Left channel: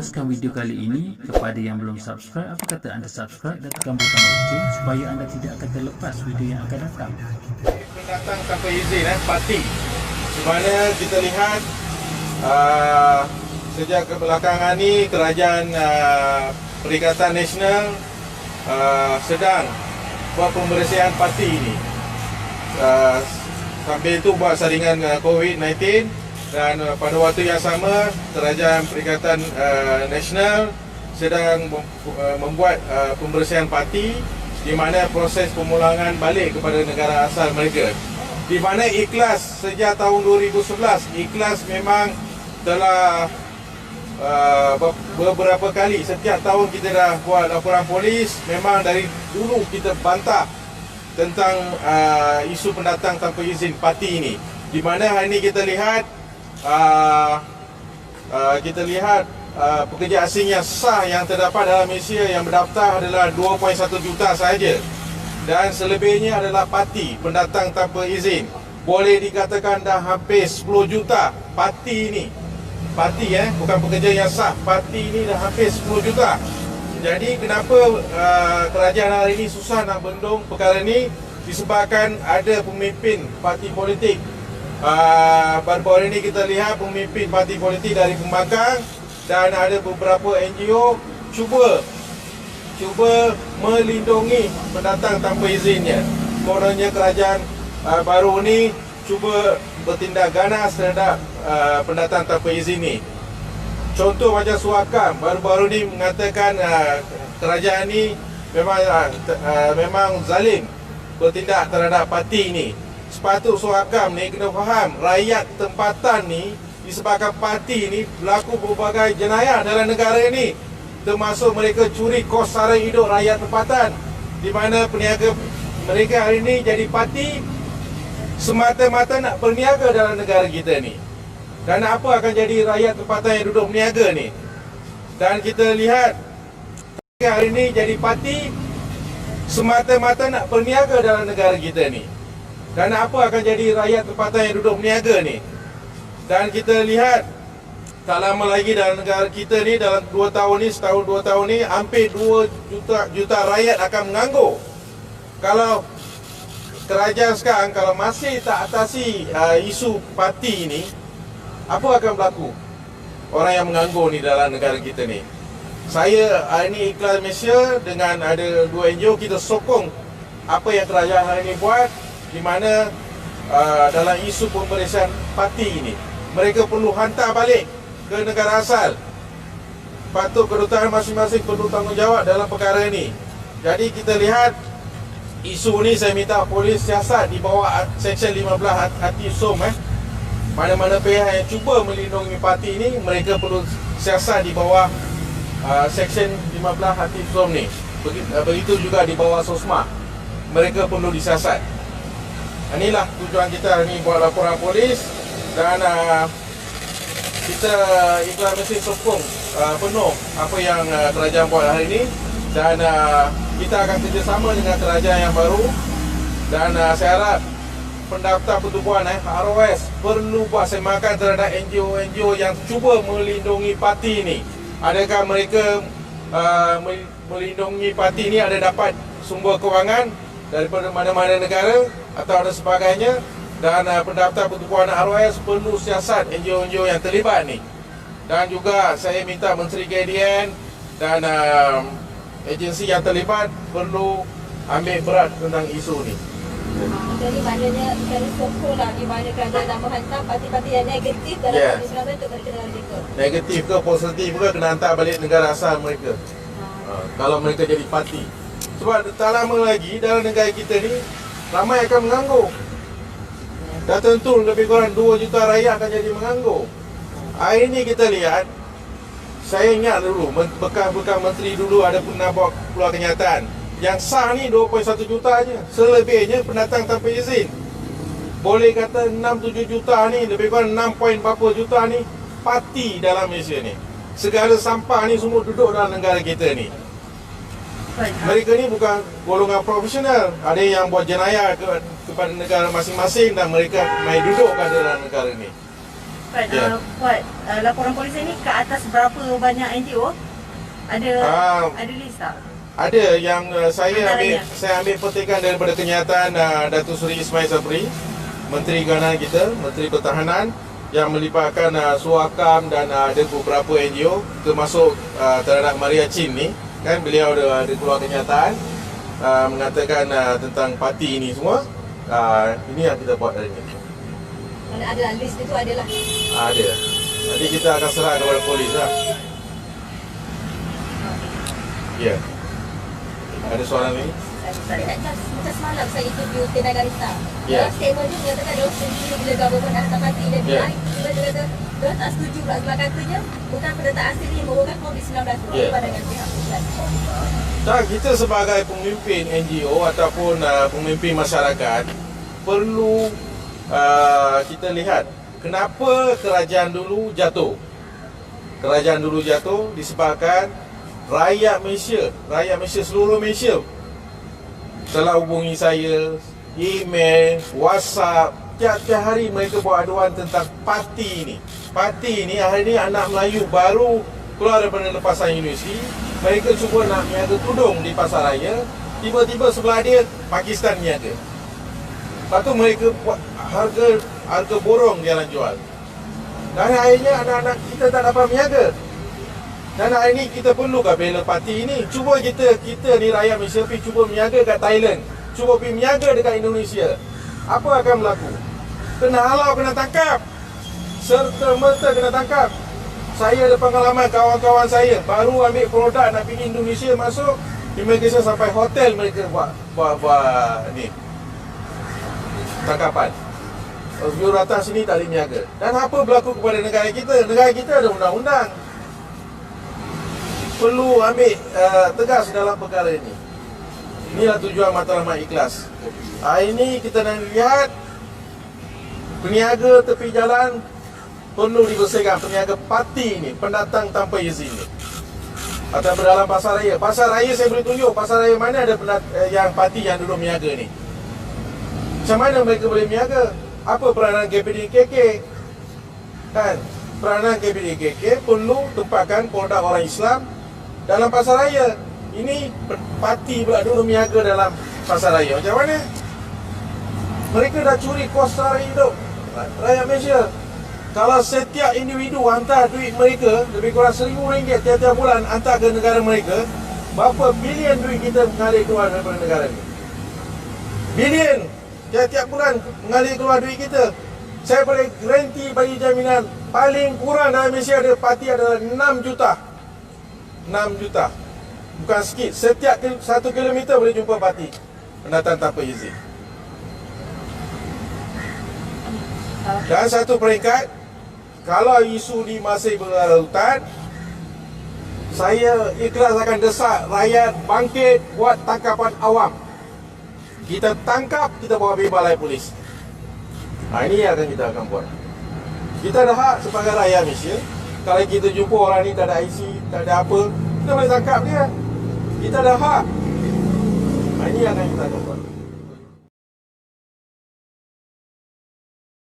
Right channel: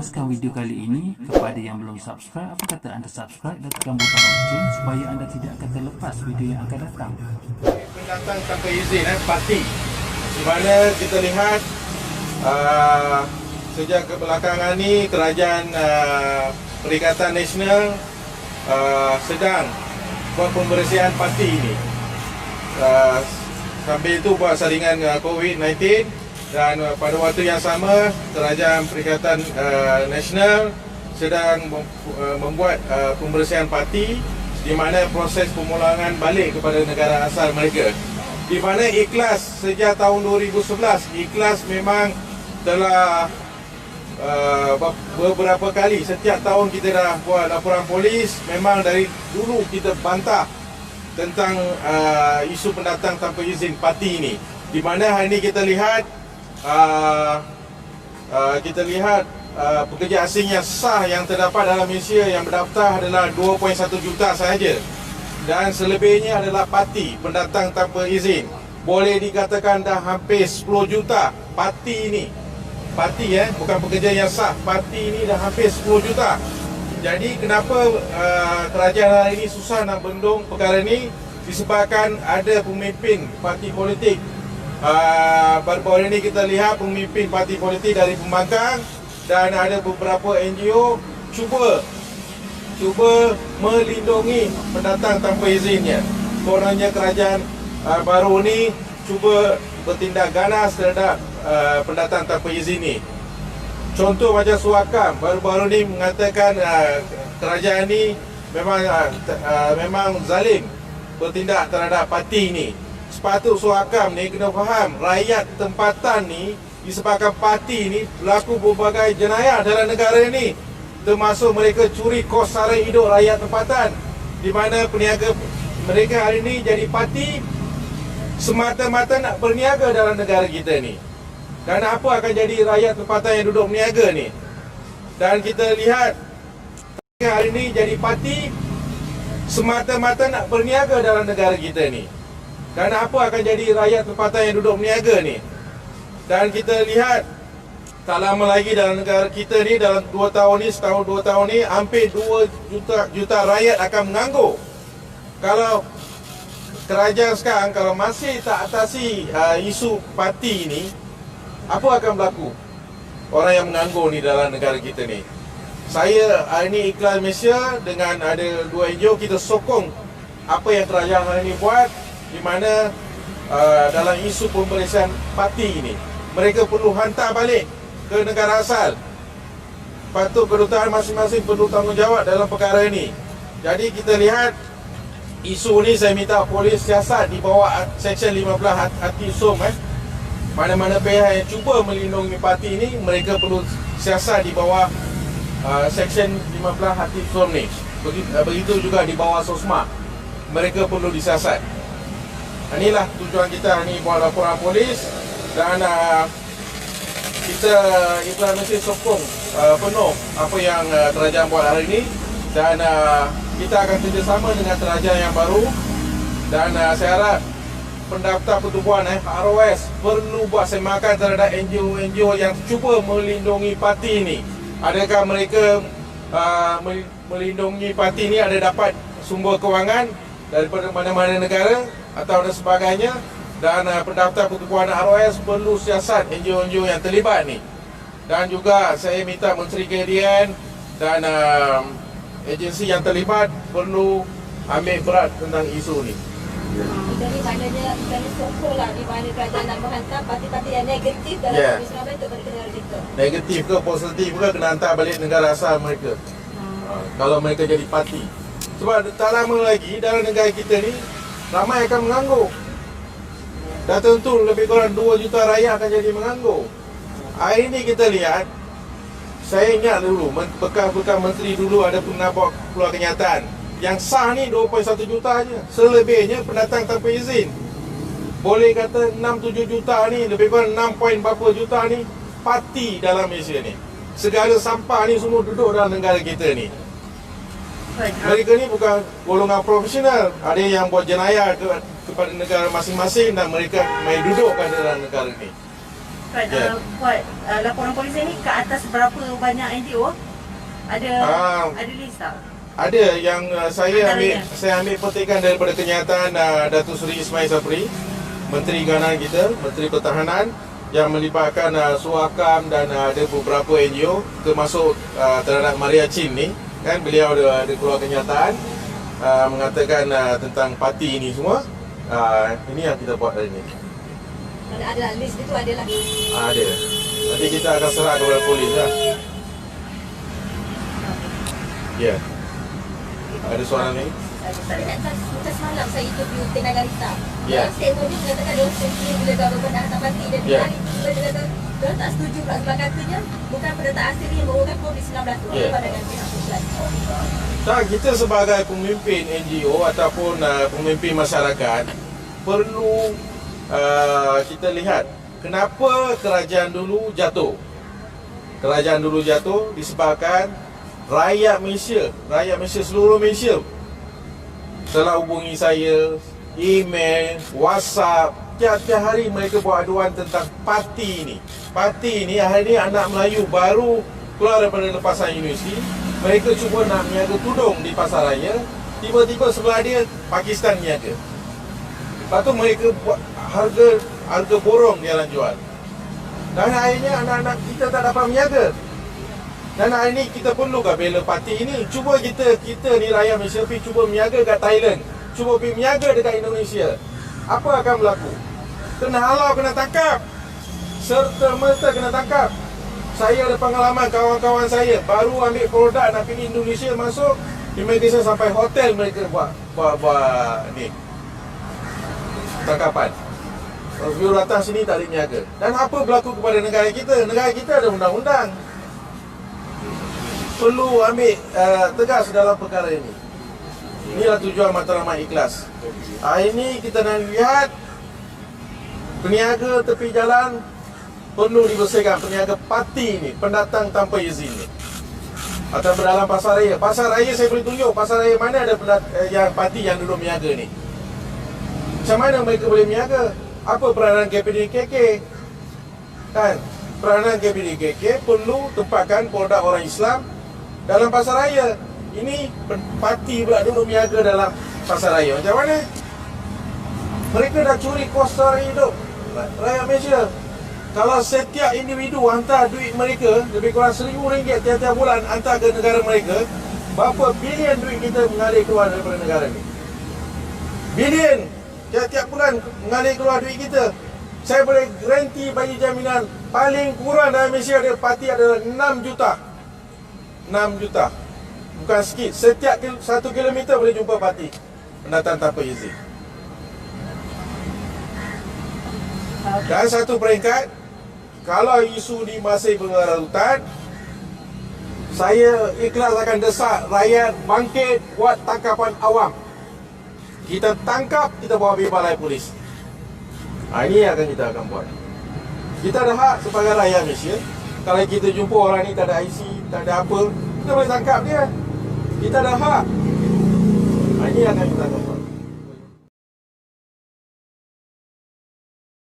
meneruskan video kali ini, kepada yang belum subscribe, apa kata anda subscribe dan tekan butang lonceng supaya anda tidak akan terlepas video yang akan datang. Pendatang tanpa izin, parti, di mana kita lihat sejak kebelakangan ni kerajaan Perikatan Nasional sedang buat pembersihan parti ini. Sambil itu buat saringan COVID-19. Dan pada waktu yang sama, kerajaan Perikatan Nasional sedang membuat pembersihan parti, di mana proses pemulangan balik kepada negara asal mereka. Di mana Ikhlas sejak tahun 2011, Ikhlas memang telah beberapa kali, setiap tahun kita dah buat laporan polis. Memang dari dulu kita bantah tentang isu pendatang tanpa izin parti ini. Di mana hari ini kita lihat pekerja asing yang sah yang terdapat dalam Malaysia yang berdaftar adalah 2.1 juta sahaja, dan selebihnya adalah parti pendatang tanpa izin. Boleh dikatakan dah hampir 10 juta parti ini. Parti bukan pekerja yang sah. Parti ini dah hampir 10 juta. Jadi kenapa kerajaan hari ini susah nak bendung perkara ini? Disebabkan ada pemimpin parti politik. Baru-baru ini kita lihat pemimpin parti politik dari pembangkang, dan ada beberapa NGO cuba melindungi pendatang tanpa izinnya. Kononnya kerajaan baru ni cuba bertindak ganas terhadap pendatang tanpa izin ni. Contoh macam Suakam baru-baru ni mengatakan kerajaan ni memang zalim bertindak terhadap parti ni. Sepatut Suakam ni kena faham, rakyat tempatan ni disebabkan parti ni berlaku berbagai jenayah dalam negara ni, termasuk mereka curi kos sara hidup rakyat tempatan, di mana peniaga mereka hari ni jadi parti semata-mata nak berniaga dalam negara kita ni. Dan apa akan jadi rakyat tempatan yang duduk berniaga ni? Dan kita lihat hari ni jadi parti semata-mata nak berniaga dalam negara kita ni. Dan apa akan jadi rakyat tempatan yang duduk berniaga ni? Dan kita lihat tak lama lagi dalam negara kita ni, dalam 2 tahun ni, setahun 2 tahun ni, hampir 2 juta rakyat akan menganggur. Kalau kerajaan sekarang kalau masih tak atasi isu parti ni, apa akan berlaku orang yang menganggur ni dalam negara kita ni? Saya hari ni Ikhlas Malaysia dengan ada 2 NGO, kita sokong apa yang kerajaan hari ni buat, di mana dalam isu pembersihan parti ini, mereka perlu hantar balik ke negara asal. Patut kedutaan masing-masing perlu tanggungjawab dalam perkara ini. Jadi kita lihat isu ni, saya minta polis siasat di bawah Seksyen 15 Hati SOM. Mana-mana pihak yang cuba melindungi parti ini, mereka perlu siasat di bawah Seksyen 15 Hati SOM ni. Begitu juga di bawah SOSMA, mereka perlu disiasat. Inilah tujuan kita ni buat laporan polis, dan kita Ikhlas Malaysia sokong penuh apa yang kerajaan buat hari ini, dan kita akan kerjasama dengan kerajaan yang baru. Dan saya harap pendaftar pertubuhan ROS perlu buat semakan terhadap NGO-NGO yang cuba melindungi parti ini. Adakah mereka melindungi parti ini ada dapat sumber kewangan daripada mana-mana negara atau ada sebagainya? Dan pendaftar pertubuhan ROS perlu siasat NGO-NGO yang terlibat ni. Dan juga saya minta Menteri KDN dan agensi yang terlibat perlu ambil berat tentang isu ni. Jadi maknanya saya sokong lah, di mana kerajaan nak menghantar parti-parti yang negatif dalam penyusunan untuk mereka negara kita. Negatif ke positif ke kena hantar balik negara asal mereka. Kalau mereka jadi parti. Sebab tak lama lagi dalam negara kita ni ramai akan menganggur. Dah tentu lebih kurang 2 juta rakyat akan jadi menganggur. Hari ini kita lihat, saya ingat dulu bekas-bekas menteri dulu ada pernah buat keluar kenyataan. Yang sah ni 2.1 juta je. Selebihnya pendatang tanpa izin. Boleh kata 6-7 juta ni, lebih kurang 6 point berapa juta ni parti dalam Malaysia ni. Segala sampah ni semua duduk dalam negara kita ni. Mereka ni bukan golongan profesional. Ada yang buat jenayah kepada negara masing-masing, dan mereka main duduk dalam negara ni. Fred, Ya. buat laporan polis ini ke atas berapa banyak NGO? Ada list tak? Ada yang Antaranya. saya ambil petikan daripada kenyataan Datuk Seri Ismail Sabri, Menteri Kanan kita, Menteri Pertahanan, yang melibatkan Suakam dan ada beberapa NGO termasuk terhadap Maria Chin ni, kan beliau ada keluar kenyataan mengatakan tentang parti ini semua. Ini yang kita buat hari ini. Mana adalah list itu adalah. Ada. Nanti kita akan serah kepada polis lah. Ya. Ada soalan lagi? Macam semalam saya interview Tenaga Rita. Ya. Dalam statement dia mengatakan dia setuju bila government nak hantar parti dan Ya. hari tiba dia kata dia tak setuju pula sebab katanya bukan pendataan asli yang membawakan COVID-19. Apa Ya. pandangan pihak kelas? Tak, kita sebagai pemimpin NGO ataupun pemimpin masyarakat perlu kita lihat kenapa kerajaan dulu jatuh. Kerajaan dulu jatuh disebabkan rakyat Malaysia, seluruh Malaysia telah hubungi saya, email, WhatsApp, tiap-tiap hari mereka buat aduan tentang parti ini. Parti ini hari ini anak Melayu baru keluar daripada lepasan universiti, mereka cuba nak niaga tudung di pasar raya, tiba-tiba sebelah dia Pakistan niaga. Lepas tu mereka buat harga borong dia orang jual. Dan akhirnya anak-anak kita tak dapat berniaga. Dan hari ni kita perlukah bela parti ini? Cuba kita ni rakyat Malaysia pergi cuba berniaga kat Thailand, cuba pergi berniaga dekat Indonesia. Apa akan berlaku? Kena halau, kena tangkap. Serta-merta kena tangkap. Saya ada pengalaman, kawan-kawan saya baru ambil produk nak pergi Indonesia, masuk immigration sampai hotel mereka buat ni tangkapan. You datang sini tak boleh berniaga. Dan apa berlaku kepada negara kita? Negara kita ada undang-undang. Perlu ambil tegas dalam perkara ini. Inilah tujuan matlamat ikhlas. Hari ini kita nak lihat peniaga tepi jalan perlu dibersihkan. Peniaga parti ini, pendatang tanpa izin ni. Atau berdalam pasar raya. Pasar raya saya boleh tunjuk. Pasar raya mana ada yang parti yang duduk berniaga ni. Macam mana mereka boleh berniaga? Apa peranan KPDKK? Kan? Peranan KPDKK perlu tempatkan produk orang Islam dalam pasar raya. Ini parti pula duduk berniaga dalam pasar raya. Macam mana? Mereka dah curi kos sara hidup rakyat Malaysia. Kalau setiap individu hantar duit mereka lebih kurang RM1,000 tiap-tiap bulan hantar ke negara mereka, berapa bilion duit kita mengalir keluar daripada negara ni? Bilion tiap-tiap bulan mengalir keluar duit kita. Saya boleh garanti bagi jaminan paling kurang dalam Malaysia ada parti adalah 6 juta. 6 juta. Bukan sikit. Setiap 1 kilometer boleh jumpa parti pendatang tanpa izin. Dan satu peringkat, kalau isu ni masih berlarut-larut, saya ikhlas akan desak rakyat bangkit buat tangkapan awam. Kita tangkap, kita bawa pergi balai polis. Ini yang kita akan buat. Kita ada hak sebagai rakyat Malaysia. Kalau kita jumpa orang ni tak ada IC, tak ada apa, kita boleh tangkap dia. Kita ada hak. Ini yang akan kita